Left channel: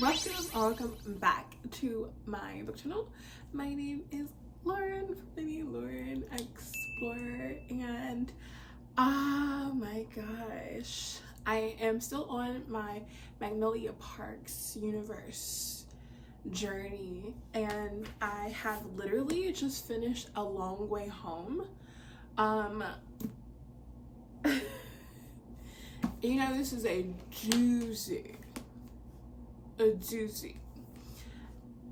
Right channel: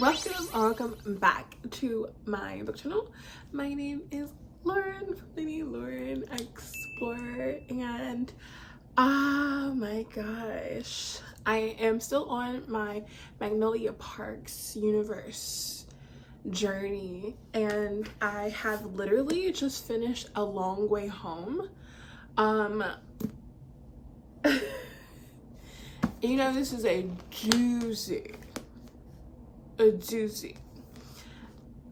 Welcome back to my book channel. My name is Lauren from Lady Lauren Explorer, and oh my gosh, I am still on my Magnolia Parks universe journey, and I have literally just finished A Long Way Home. You know, this is a doozy.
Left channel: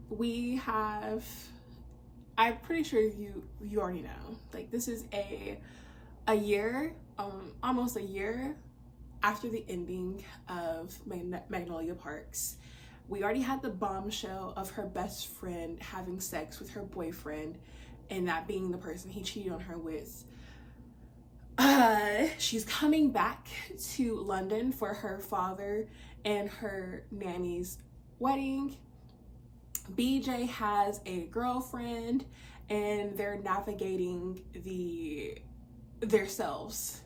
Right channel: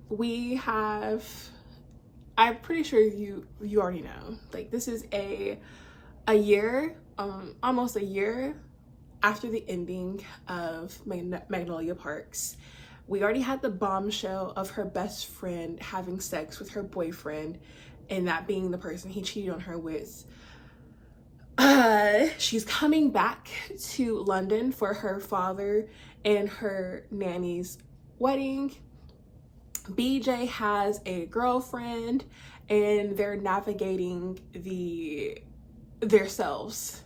We have, I'm pretty sure you already know, like, this is a year, almost a year after the ending of Magnolia Parks. We already had the bombshell of her best friend having sex with her boyfriend, and that being the person he cheated on her with. She's coming back to London for her father and her nanny's wedding. BJ has a girlfriend, and they're navigating their selves,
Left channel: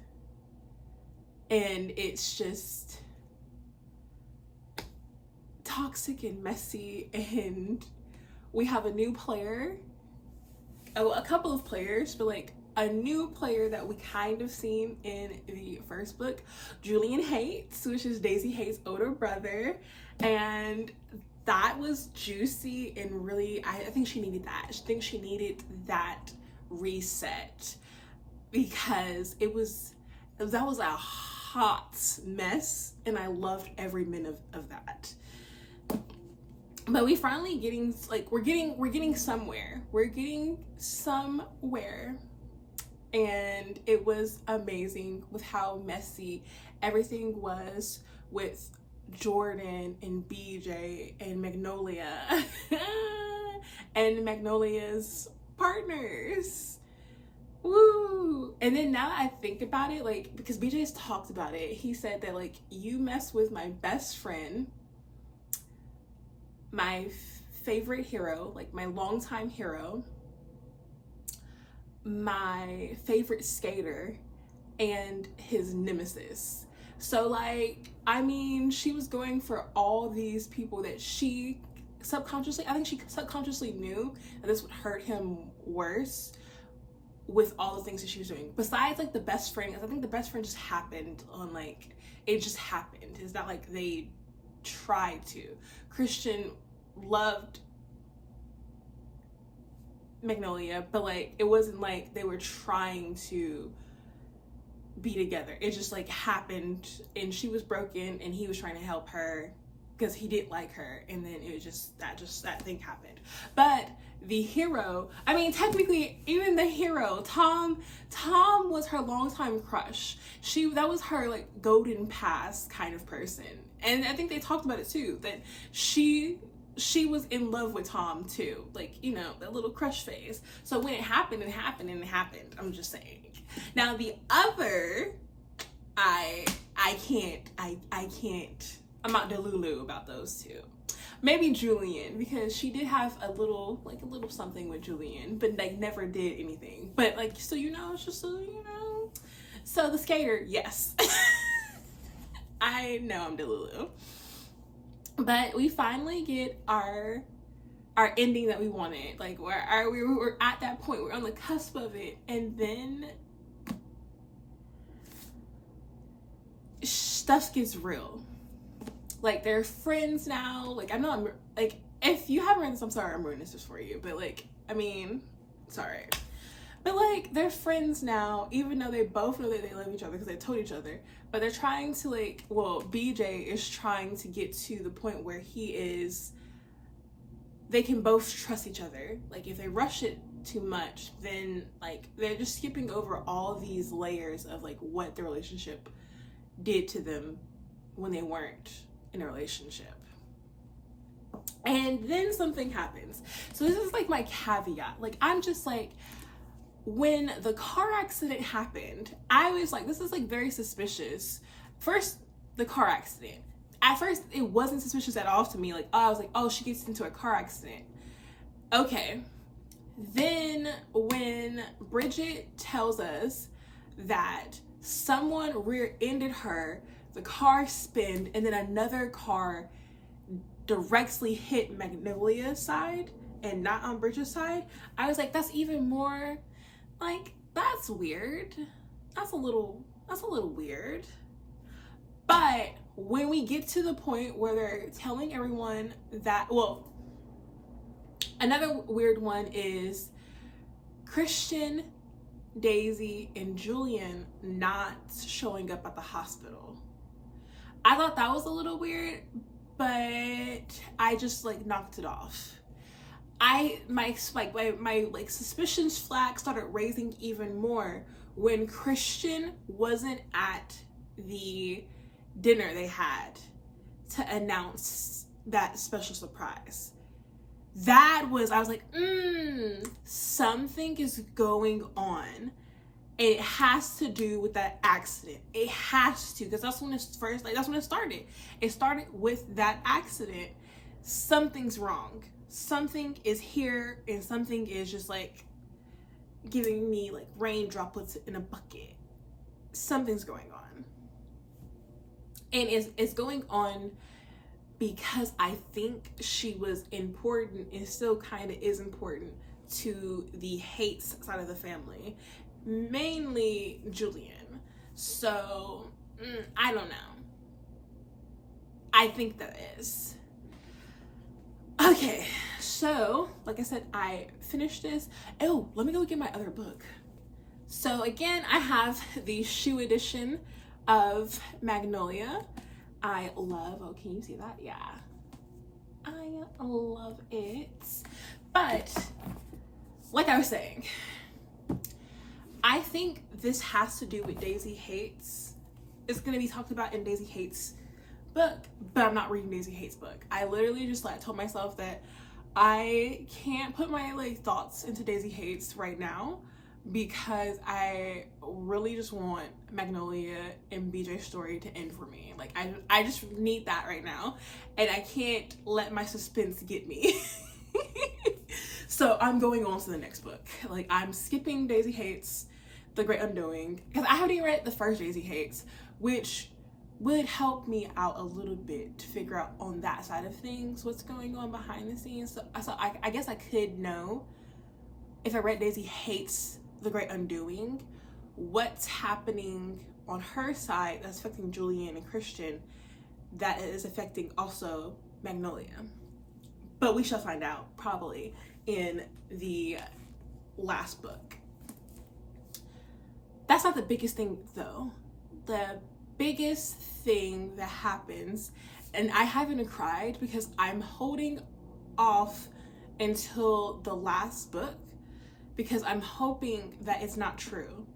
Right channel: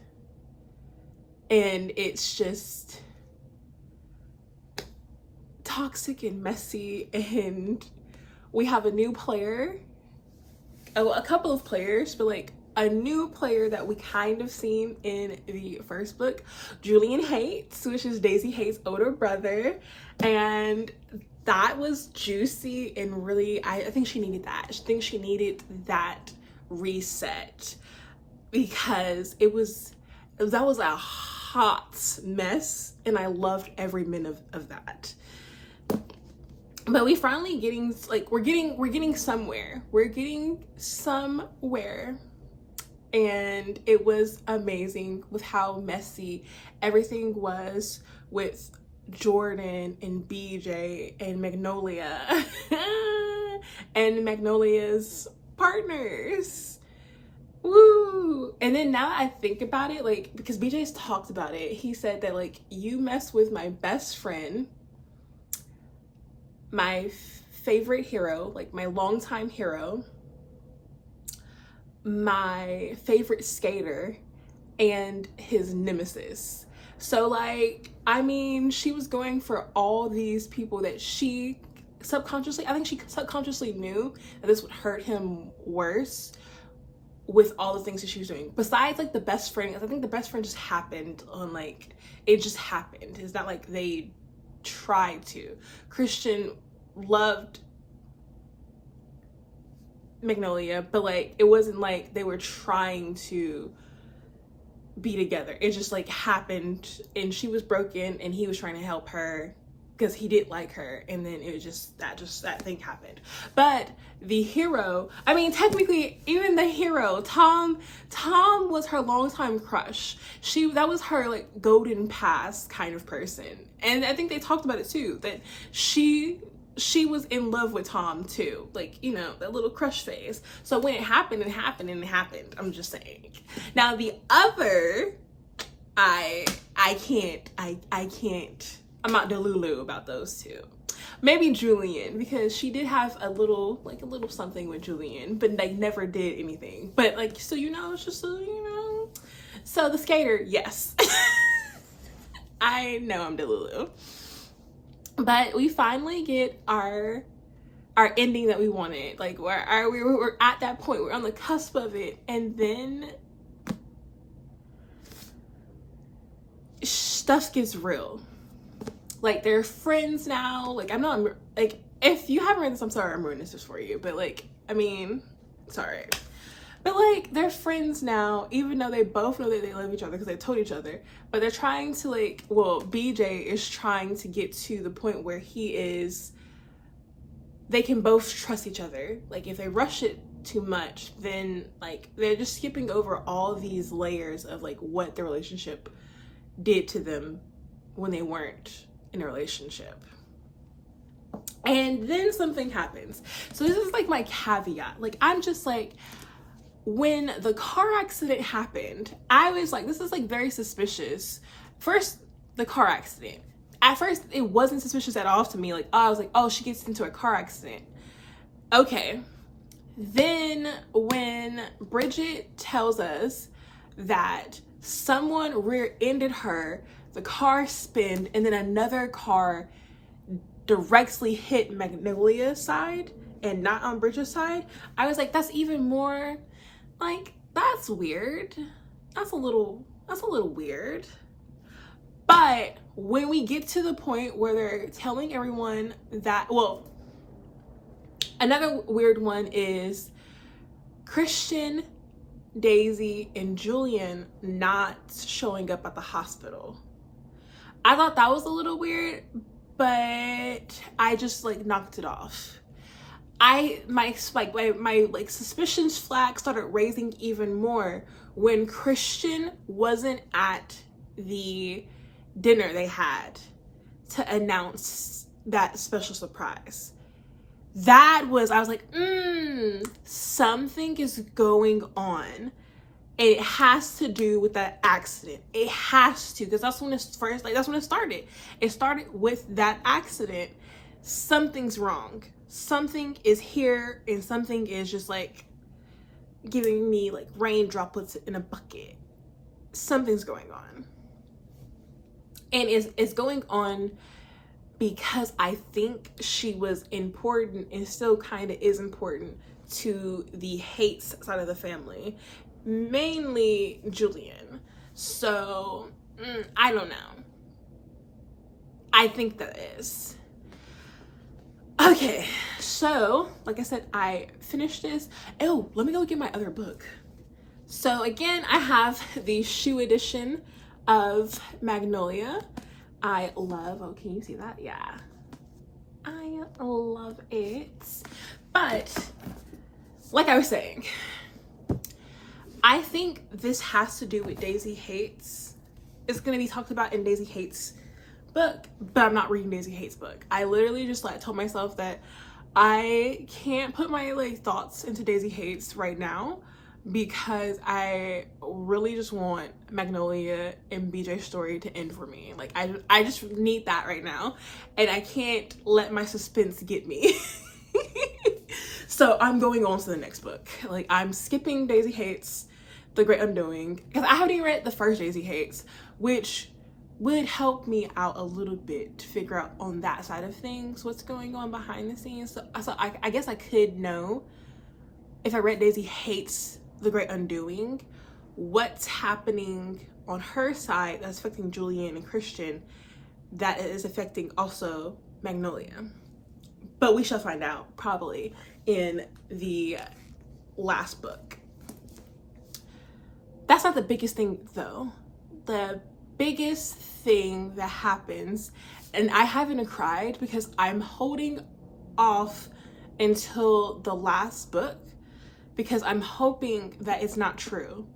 and it's just toxic and messy. And we have a new player, a couple of players, but like a new player that we kind of seen in the first book, Julian Hates, which is Daisy Hates' older brother, and that was juicy and really, I think she needed that. I think she needed that reset, because that was a hot mess, and I loved every minute of that. But we finally we're getting somewhere. And it was amazing with how messy everything was with Jordan and BJ and Magnolia and Magnolia's partners. Woo! And then now that I think about it, like, because BJ's talked about it, he said that, like, you mess with my best friend, my favorite hero, like my longtime hero, my favorite skater, and his nemesis. So, like, I mean, she was going for all these people that she subconsciously knew that this would hurt him worse with all the things that she was doing. Besides, like, the best friend, I think the best friend just happened on, like, it just happened. It's not like they tried to. Christian loved Magnolia, but like, it wasn't like they were trying to be together. It just like happened, and she was broken and he was trying to help her because he did like her, and then it was just that thing happened. But the hero, I mean, technically, even the hero, Tom was her longtime crush. That was her like golden past kind of person, and I think they talked about it too, that she was in love with Tom too, like, you know, that little crush phase. So when it happened, I'm just saying. Now the other, I can't, I'm not delulu about those two. Maybe Julian, because she did have a little something with Julian, but like never did anything. But like, so, you know, it's just so, you know. So the skater, yes. I know I'm delulu. But we finally get our ending that we wanted. Like, we're at that point. We're on the cusp of it. And then stuff gets real. Like, they're friends now. Like, I'm not, like, if you haven't read this, I'm sorry I'm ruining this for you. But, like, I mean, it's alright. But, like, they're friends now, even though they both know that they love each other because they told each other. But they're trying to, like, well, BJ is trying to get to the point where they can both trust each other. Like, if they rush it too much, then, like, they're just skipping over all these layers of, like, what the relationship did to them when they weren't in a relationship. And then something happens. So this is, like, my caveat. Like, I'm just, like, when the car accident happened, I was like, this is like very suspicious. First, the car accident. At first, it wasn't suspicious at all to me. Like, I was like, oh, she gets into a car accident. Okay. Then when Bridget tells us that someone rear-ended her, the car spinned, and then another car directly hit Magnolia's side and not Umbridge's side, I was like, that's even more, like, that's weird. That's a little weird. But when we get to the point where they're telling everyone that, well, another weird one is Christian, Daisy, and Julian not showing up at the hospital. I thought that was a little weird, but I just like knocked it off. My suspicions flag started raising even more when Christian wasn't at the dinner they had to announce that special surprise. I was like, something is going on. And it has to do with that accident. It has to, because that's when that's when it started. It started with that accident. Something's wrong. Something is here, and something is just like giving me like rain droplets in a bucket. Something's going on. And it's going on because I think she was important and still kind of is important to the Hates side of the family, mainly Julian. So I don't know. I think that is. Okay, so like I said, I finished this. Oh, let me go get my other book. So again, I have the shoe edition of Magnolia. I love, oh, can you see that? Yeah. I love it. But like I was saying, I think this has to do with Daisy Hates. It's going to be talked about in Daisy Hates' book, but I'm not reading Daisy Hates' book. I literally just like told myself that I can't put my like thoughts into Daisy Hates right now because I really just want Magnolia and BJ's story to end for me. Like I just need that right now, and I can't let my suspense get me. So I'm going on to the next book. Like I'm skipping Daisy Hates, The Great Undoing, because I haven't even read the first Daisy Hates, which would help me out a little bit to figure out on that side of things what's going on behind the scenes. So I guess I could know, if I read Daisy Hates, The Great Undoing, what's happening on her side that's affecting Julian and Christian that is affecting also Magnolia. But we shall find out probably in the last book. That's not the biggest thing though. The biggest thing that happens, and I haven't cried because I'm holding off until the last book because I'm hoping that it's not true.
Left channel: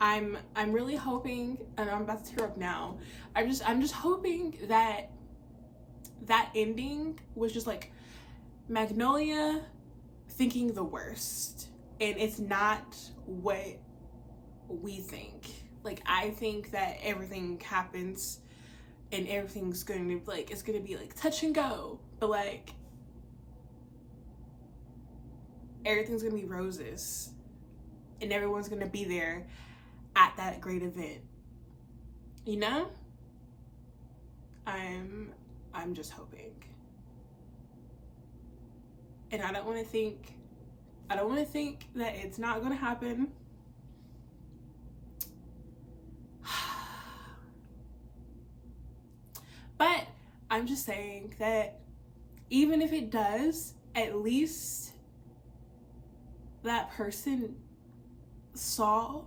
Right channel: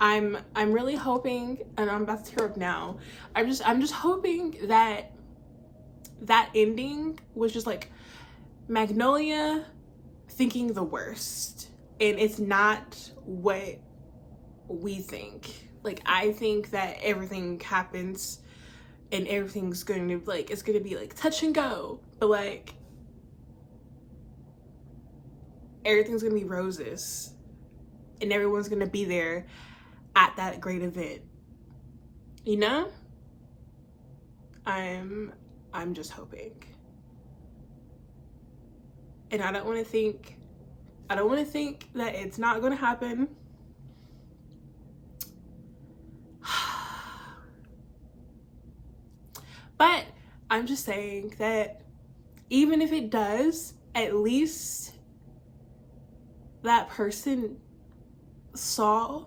I'm really hoping, and I'm about to tear up now. I'm just hoping that that ending was just like Magnolia thinking the worst, and it's not what we think. Like I think that everything happens and everything's going to like, it's going to be like touch and go, but like everything's going to be roses and everyone's going to be there at that great event. You know? I'm just hoping. And I don't want to think that it's not going to happen. But I'm just saying that even if it does, at least that person saw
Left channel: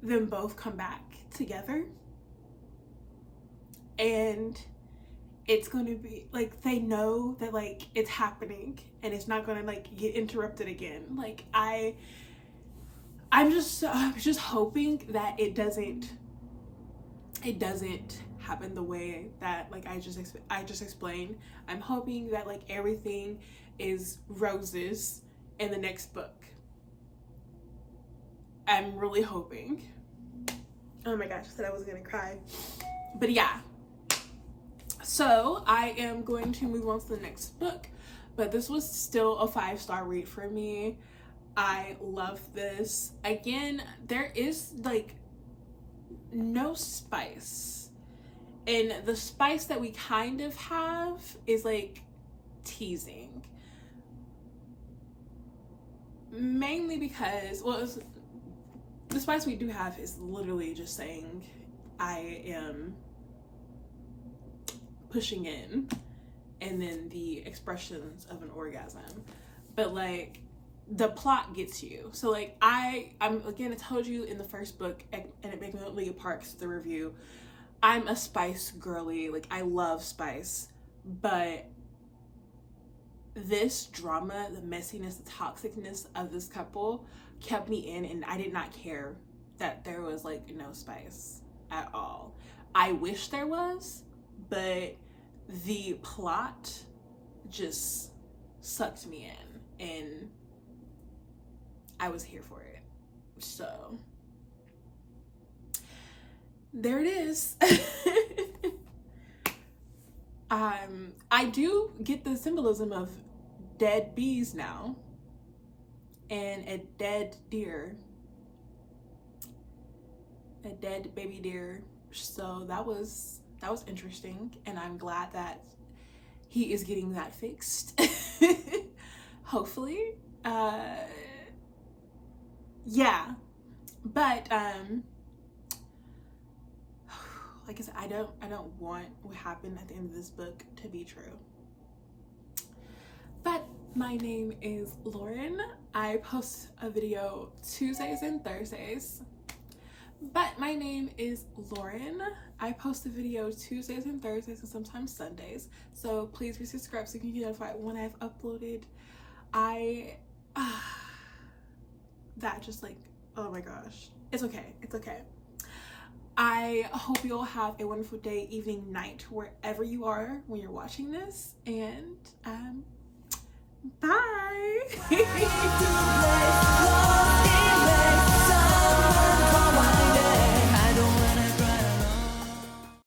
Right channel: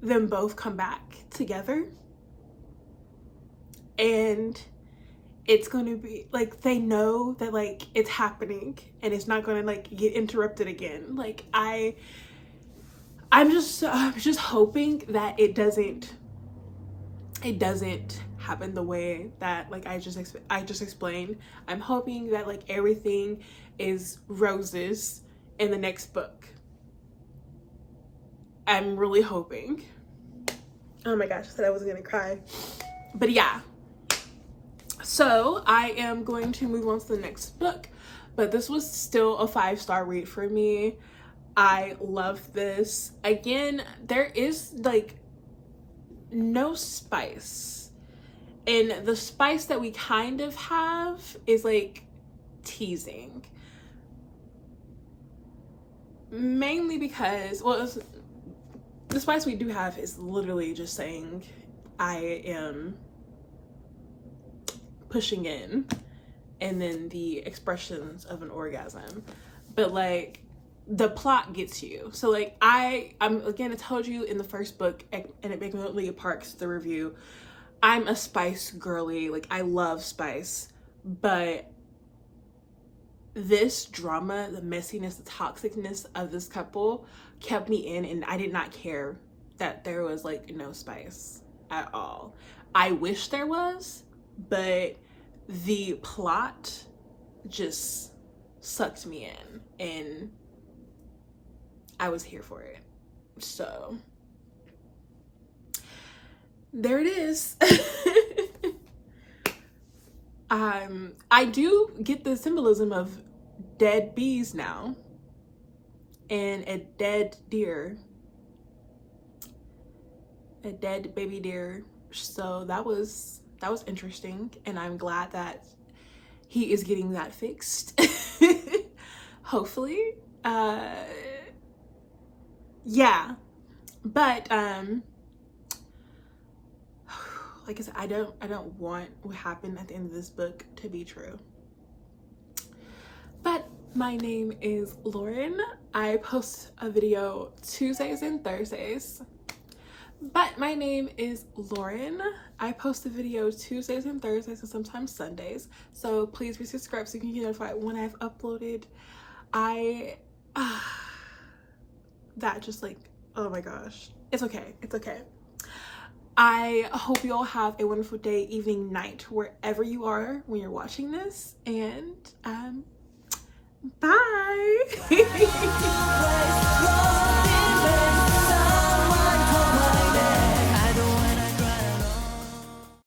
them both come back together, and it's going to be like they know that like it's happening and it's not going to like get interrupted again. Like I'm just hoping that it doesn't happen the way that like I just explained. I'm hoping that like everything is roses in the next book. I'm really hoping. Oh my gosh, I said I wasn't gonna cry. But yeah. So I am going to move on to the next book. But this was still a 5-star read for me. I love this. Again, there is like no spice And the spice that we kind of have is like teasing. Mainly because, well, the spice we do have is literally just saying, I am pushing in, and then the expressions of an orgasm. But like, the plot gets you. So like, I'm again, I told you in the first book, and at Magnolia Parks, the review, I'm a spice girly. Like, I love spice, but this drama, the messiness, the toxicness of this couple kept me in, and I did not care that there was like no spice at all. I wish there was, but the plot just sucked me in, and I was here for it. So there it is. I do get the symbolism of dead bees now, and a dead deer, a dead baby deer. So that was interesting, and I'm glad that he is getting that fixed. Hopefully. Yeah, but like I said, I don't want what happened at the end of this book to be true. But my name is Lauren. I post a video Tuesdays and Thursdays. But my name is Lauren. I post a video Tuesdays and Thursdays and sometimes Sundays. So please be subscribed so you can get notified when I've uploaded. That just like, oh my gosh. It's okay. It's okay. I hope you all have a wonderful day, evening, night, wherever you are when you're watching this. And bye.